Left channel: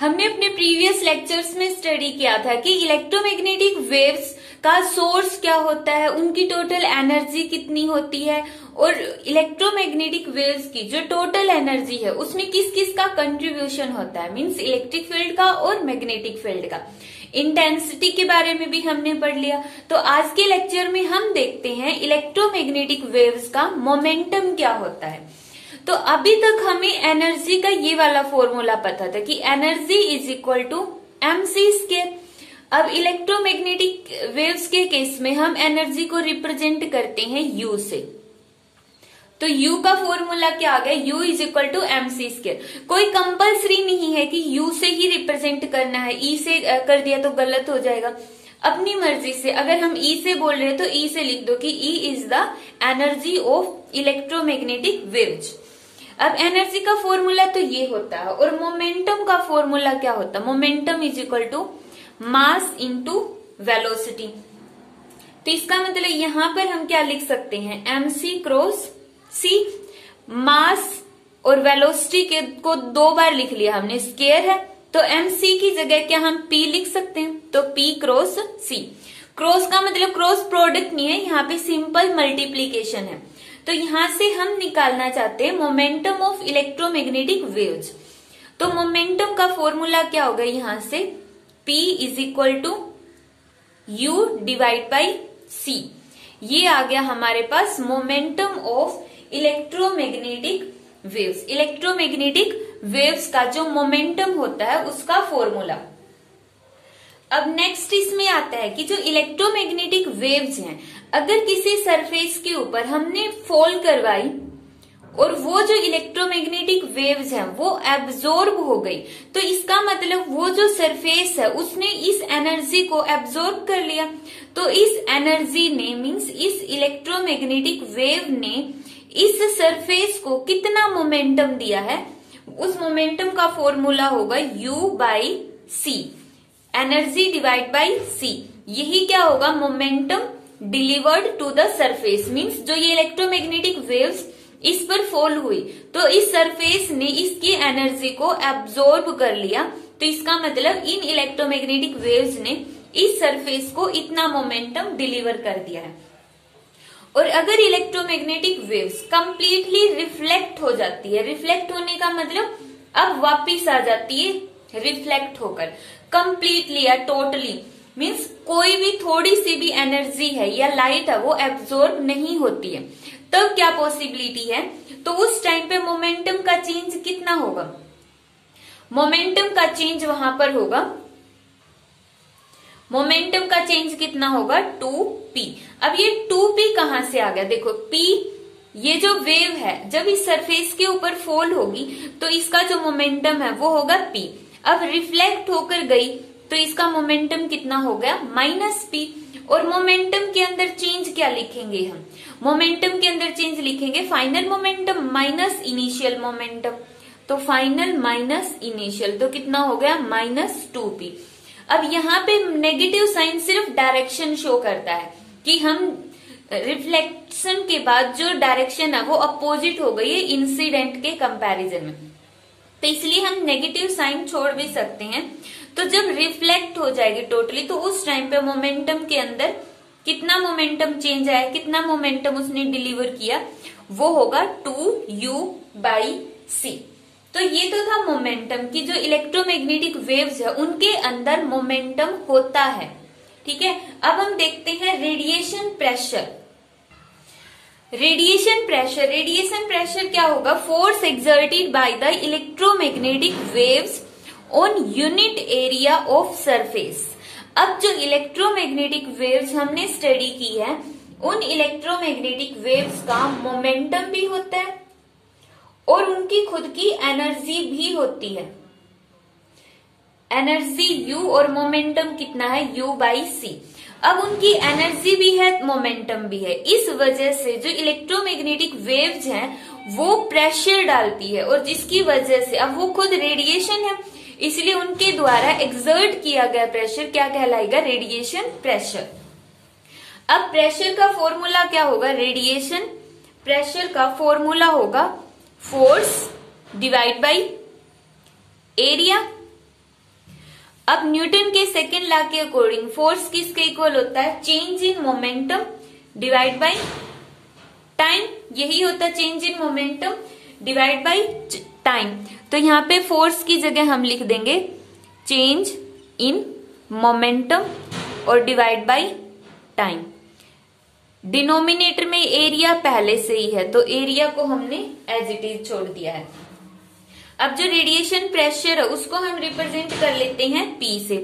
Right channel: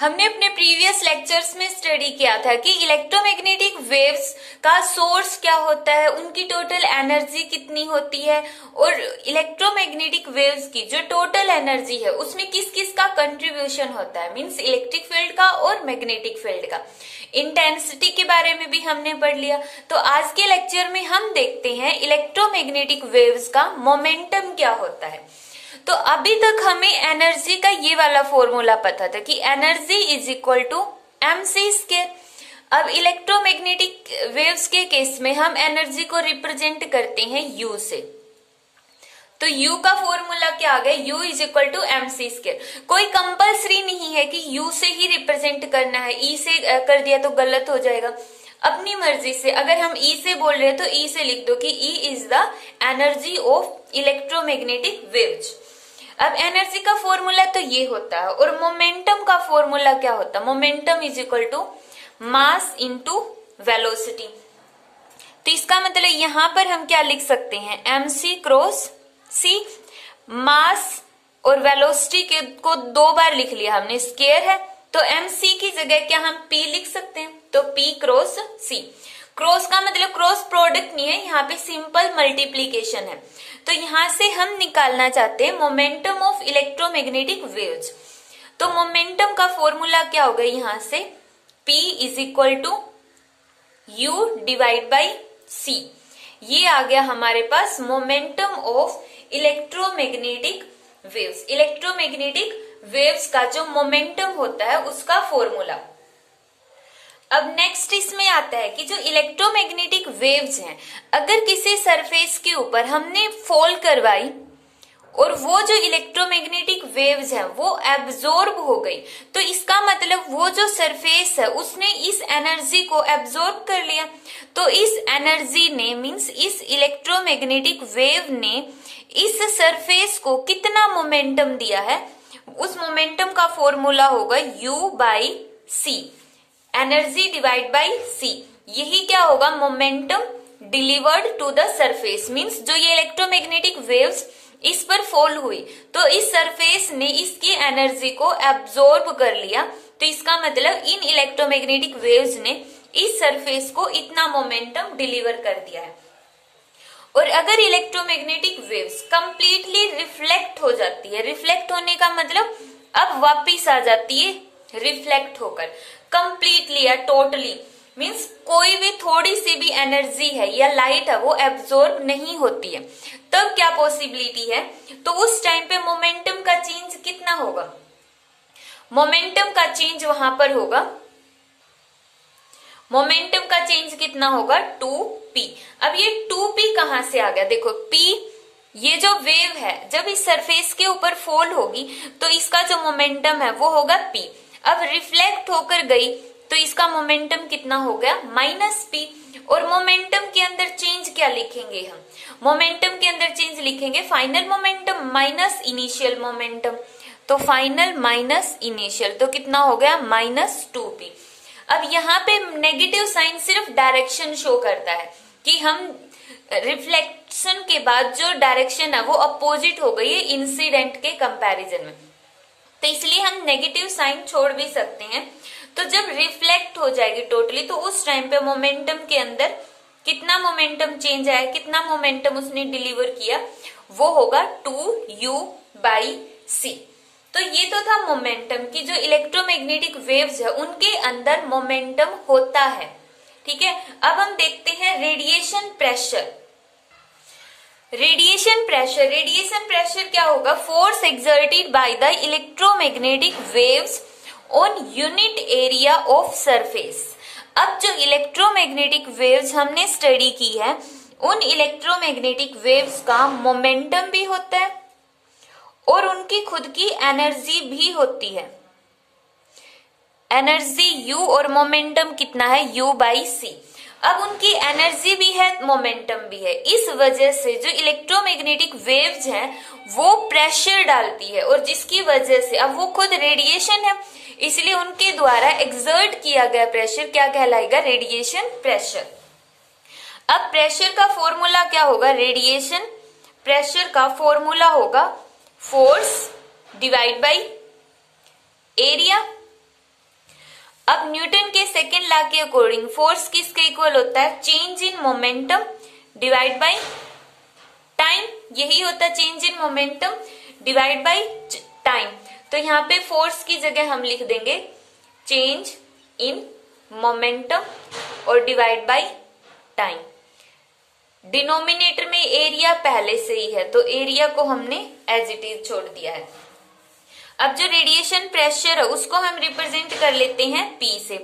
हमने अपने previous lectures में स्टडी किया था कि इलेक्ट्रोमैग्नेटिक वेव्स का सोर्स क्या होता है, उनकी टोटल एनर्जी कितनी होती है और इलेक्ट्रोमैग्नेटिक वेव्स की जो टोटल एनर्जी है उसमें किस किस का कंट्रीब्यूशन होता है, मींस इलेक्ट्रिक फील्ड का और मैग्नेटिक फील्ड का। इंटेंसिटी के बारे में भी हमने पढ़ लिया। तो आज के लेक्चर में हम देखते हैं इलेक्ट्रोमैग्नेटिक वेव्स का मोमेंटम क्या होता है। तो अभी तक हमें एनर्जी का ये वाला फॉर्मूला पता था कि energy is equal to mc²। अब इलेक्ट्रोमैग्नेटिक वेव्स के केस में हम एनर्जी को रिप्रेजेंट करते हैं U से। तो U का फॉर्मूला क्या आ गया, U is equal to mc²। कोई कंपल्सरी नहीं है कि U से ही रिप्रेजेंट करना है, E से कर दिया तो गलत हो जाएगा। अपनी मर्जी से, अगर हम E से बोल रहे हैं तो E से लिख दो कि E is the energy of electromagnetic waves. अब एनर्जी का फॉर्मूला तो ये होता है और मोमेंटम का फॉर्मूला क्या होता है, momentum is equal to mass into velocity. तो इसका मतलब यहां पर हम क्या लिख सकते हैं, mc क्रॉस c। मास और वेलोसिटी के को दो बार लिख लिया हमने, स्क्वायर है तो mc की जगह क्या हम p लिख सकते हैं, तो p क्रॉस c। क्रॉस का मतलब क्रॉस प्रोडक्ट नहीं है, यहाँ पे सिंपल मल्टीप्लीकेशन है। तो यहां से हम निकालना चाहते हैं मोमेंटम ऑफ इलेक्ट्रोमैग्नेटिक वेव्स। तो मोमेंटम का फॉर्मूला क्या होगा, यहां से P is equal to U divide by C। ये आ गया हमारे पास momentum of electromagnetic waves. Electromagnetic waves का जो मोमेंटम होता है उसका फॉर्मूला। अब नेक्स्ट इसमें आता है कि जो इलेक्ट्रोमैग्नेटिक वेव्स हैं, अगर किसी सरफेस के ऊपर हमने फॉल करवाई और वो जो इलेक्ट्रोमैग्नेटिक वेव्स हैं वो एब्जॉर्ब हो गई, तो इसका मतलब वो जो सरफेस है उसने इस एनर्जी को एब्जॉर्ब कर लिया। तो इस एनर्जी ने, मींस इस इलेक्ट्रोमैग्नेटिक वेव ने इस सरफेस को कितना मोमेंटम दिया है, उस मोमेंटम का फॉर्मूला होगा U by C, energy divide by C। यही क्या होगा, momentum delivered to the surface. Means जो ये इलेक्ट्रोमैग्नेटिक वेव्स इस पर फॉल हुई तो इस सरफेस ने इसकी एनर्जी को एब्जॉर्ब कर लिया, तो इसका मतलब इन इलेक्ट्रोमैग्नेटिक वेव्स ने इस सरफेस को इतना मोमेंटम डिलीवर कर दिया है। और अगर इलेक्ट्रोमैग्नेटिक वेव्स कंप्लीटली रिफ्लेक्ट हो जाती है, रिफ्लेक्ट होने का मतलब अब वापिस आ जाती है रिफ्लेक्ट होकर, कंप्लीटली या टोटली, मीन्स कोई भी थोड़ी सी भी एनर्जी है या लाइट है वो एब्जॉर्ब नहीं होती है, तब क्या पॉसिबिलिटी है, तो उस टाइम पे मोमेंटम का चेंज कितना होगा, मोमेंटम का चेंज वहां पर होगा, मोमेंटम का चेंज कितना होगा 2p। अब ये 2p कहां से आ गया, देखो p ये जो वेव है जब इस सरफेस के ऊपर फॉल होगी तो इसका जो मोमेंटम है वो होगा p। अब रिफ्लेक्ट होकर गई तो इसका मोमेंटम कितना हो गया -p। और मोमेंटम के अंदर चेंज क्या लिखेंगे हम, मोमेंटम के अंदर चेंज लिखेंगे final momentum minus initial momentum. तो फाइनल माइनस इनिशियल तो कितना हो गया -2p। अब यहाँ पे नेगेटिव साइन सिर्फ डायरेक्शन शो करता है कि हम रिफ्लेक्शन के बाद जो डायरेक्शन है वो अपोजिट हो गई है इंसिडेंट के कंपैरिजन में, तो इसलिए हम नेगेटिव साइन छोड़ भी सकते हैं। तो जब रिफ्लेक्ट हो जाएगी टोटली तो उस टाइम पे मोमेंटम के अंदर कितना मोमेंटम चेंज आया, कितना मोमेंटम उसने डिलीवर किया, वो होगा 2U बाई C। तो ये तो था मोमेंटम की जो इलेक्ट्रोमैग्नेटिक वेव्स है उनके अंदर मोमेंटम होता है। ठीक है, अब हम देखते हैं radiation pressure. Radiation pressure, radiation pressure क्या होगा, force exerted by the electromagnetic waves on unit area of surface. अब जो इलेक्ट्रोमैग्नेटिक वेव्स हमने स्टडी की है उन इलेक्ट्रोमैग्नेटिक वेव्स का मोमेंटम भी होता है और उनकी खुद की एनर्जी भी होती है। एनर्जी U और मोमेंटम कितना है U बाई C। अब उनकी एनर्जी भी है, मोमेंटम भी है, इस वजह से जो इलेक्ट्रोमैग्नेटिक वेव्स हैं वो प्रेशर डालती है और जिसकी वजह से अब वो खुद रेडिएशन है, इसलिए उनके द्वारा एक्सर्ट किया गया प्रेशर क्या कहलाएगा, रेडिएशन प्रेशर। अब प्रेशर का फॉर्मूला क्या होगा, रेडिएशन प्रेशर का फॉर्मूला होगा फोर्स डिवाइड बाई एरिया अब न्यूटन के सेकेंड लॉ के अकॉर्डिंग फोर्स किसके इक्वल होता है? Change in momentum divide by time. यही होता है change in momentum divide by time. तो यहाँ पे फोर्स की जगह हम लिख देंगे चेंज इन मोमेंटम और डिवाइड बाय टाइम। डिनोमिनेटर में एरिया पहले से ही है तो एरिया को हमने एज इट इज छोड़ दिया है। अब जो रेडिएशन प्रेशर है उसको हम रिप्रेजेंट कर लेते हैं P से।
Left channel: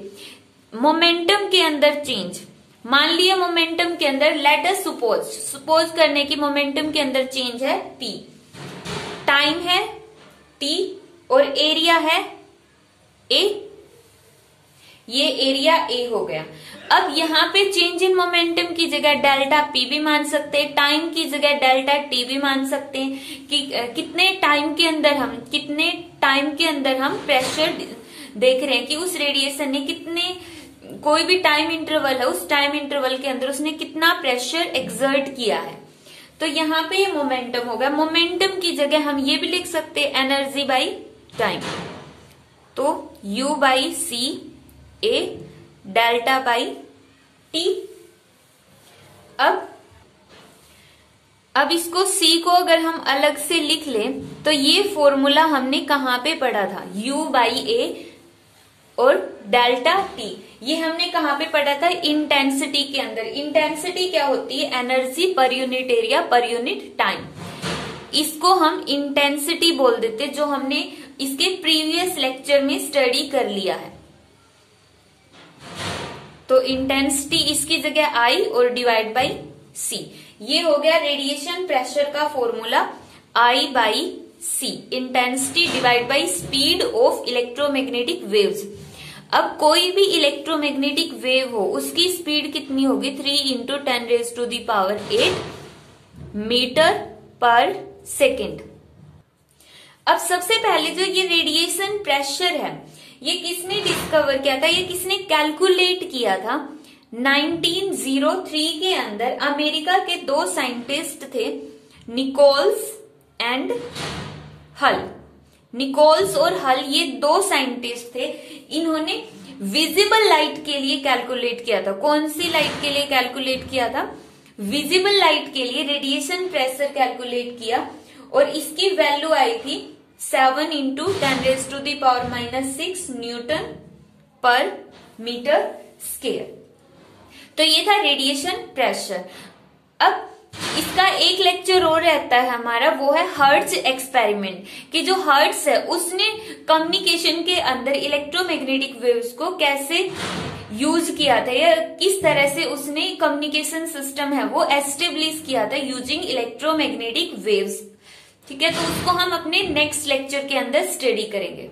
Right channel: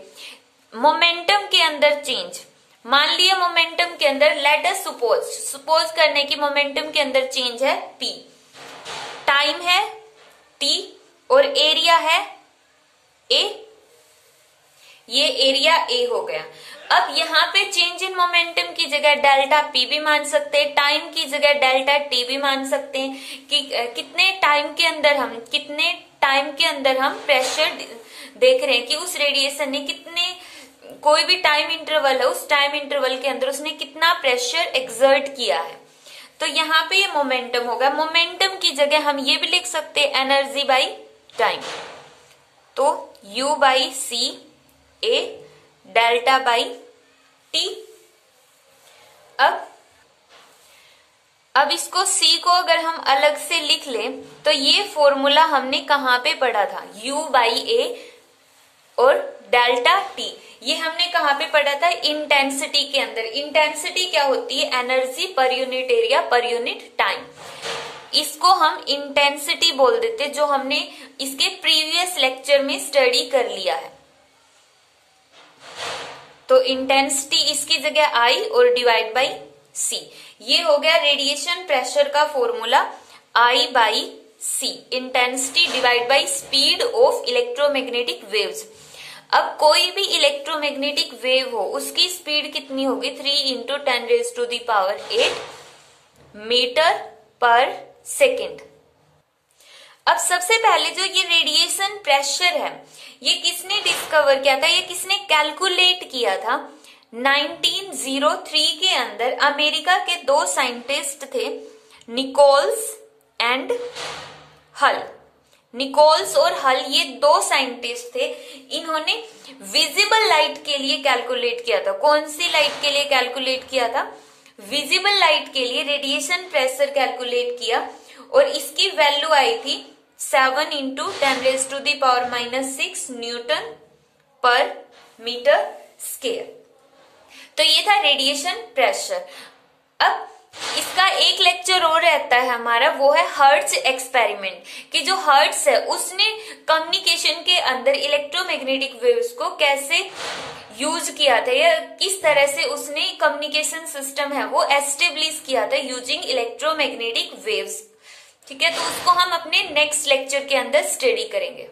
मोमेंटम के अंदर चेंज, मान लिया मोमेंटम के अंदर, लेट अस सपोज करने की मोमेंटम के अंदर चेंज है P, टाइम है T और एरिया है A। ये एरिया A हो गया। अब यहाँ पे चेंज इन मोमेंटम की जगह डेल्टा P भी मान सकते हैं, टाइम की जगह डेल्टा T भी मान सकते हैं कि कितने टाइम के अंदर हम प्रेशर देख रहे हैं कि उस रेडिएशन ने कितने, कोई भी टाइम इंटरवल है उस टाइम इंटरवल के अंदर उसने कितना प्रेशर एक्सर्ट किया है। तो यहाँ पे मोमेंटम होगा। मोमेंटम की जगह हम ये भी लिख सकते हैं एनर्जी बाई टाइम, तो U by C A delta by T। अब इसको C को अगर हम अलग से लिख लें तो ये फॉर्मूला हमने कहाँ पे पढ़ा था? U बाई A और डेल्टा T, ये हमने कहाँ पे पढ़ा था? इंटेंसिटी के अंदर। इंटेंसिटी क्या होती है? Energy per unit area per unit time. इसको हम इंटेंसिटी बोल देते, जो हमने इसके प्रीवियस लेक्चर में स्टडी कर लिया है। तो इंटेंसिटी इसकी जगह I और डिवाइड बाई C। ये हो गया रेडिएशन प्रेशर का formula, I by C, intensity divide by speed of electromagnetic waves. अब कोई भी इलेक्ट्रोमैग्नेटिक वेव हो उसकी स्पीड कितनी होगी? 3 × 10⁸ मीटर पर सेकेंड। अब सबसे पहले जो ये रेडिएशन प्रेशर है ये किसने डिस्कवर किया था? ये किसने कैलकुलेट किया था? 1903 के अंदर अमेरिका के 2 साइंटिस्ट थे, निकोल्स एंड हल। निकोल्स और हल ये 2 साइंटिस्ट थे। इन्होंने विजिबल लाइट के लिए कैलकुलेट किया था। कौन सी लाइट के लिए कैलकुलेट किया था? विजिबल लाइट के लिए रेडिएशन प्रेशर कैलकुलेट किया और इसकी वैल्यू आई थी 7 × 10⁻⁻6 न्यूटन पर मीटर स्क्वायर। तो ये था रेडिएशन प्रेशर। अब इसका एक लेक्चर और रहता है हमारा, वो है हर्ट्ज एक्सपेरिमेंट, कि जो हर्ट्ज है उसने कम्युनिकेशन के अंदर इलेक्ट्रोमैग्नेटिक वेव्स को कैसे यूज किया था या किस तरह से उसने कम्युनिकेशन सिस्टम है वो एस्टेब्लिश किया था यूजिंग इलेक्ट्रोमैग्नेटिक वेव्स। ठीक है, तो उसको हम अपने नेक्स्ट लेक्चर के अंदर स्टडी करेंगे।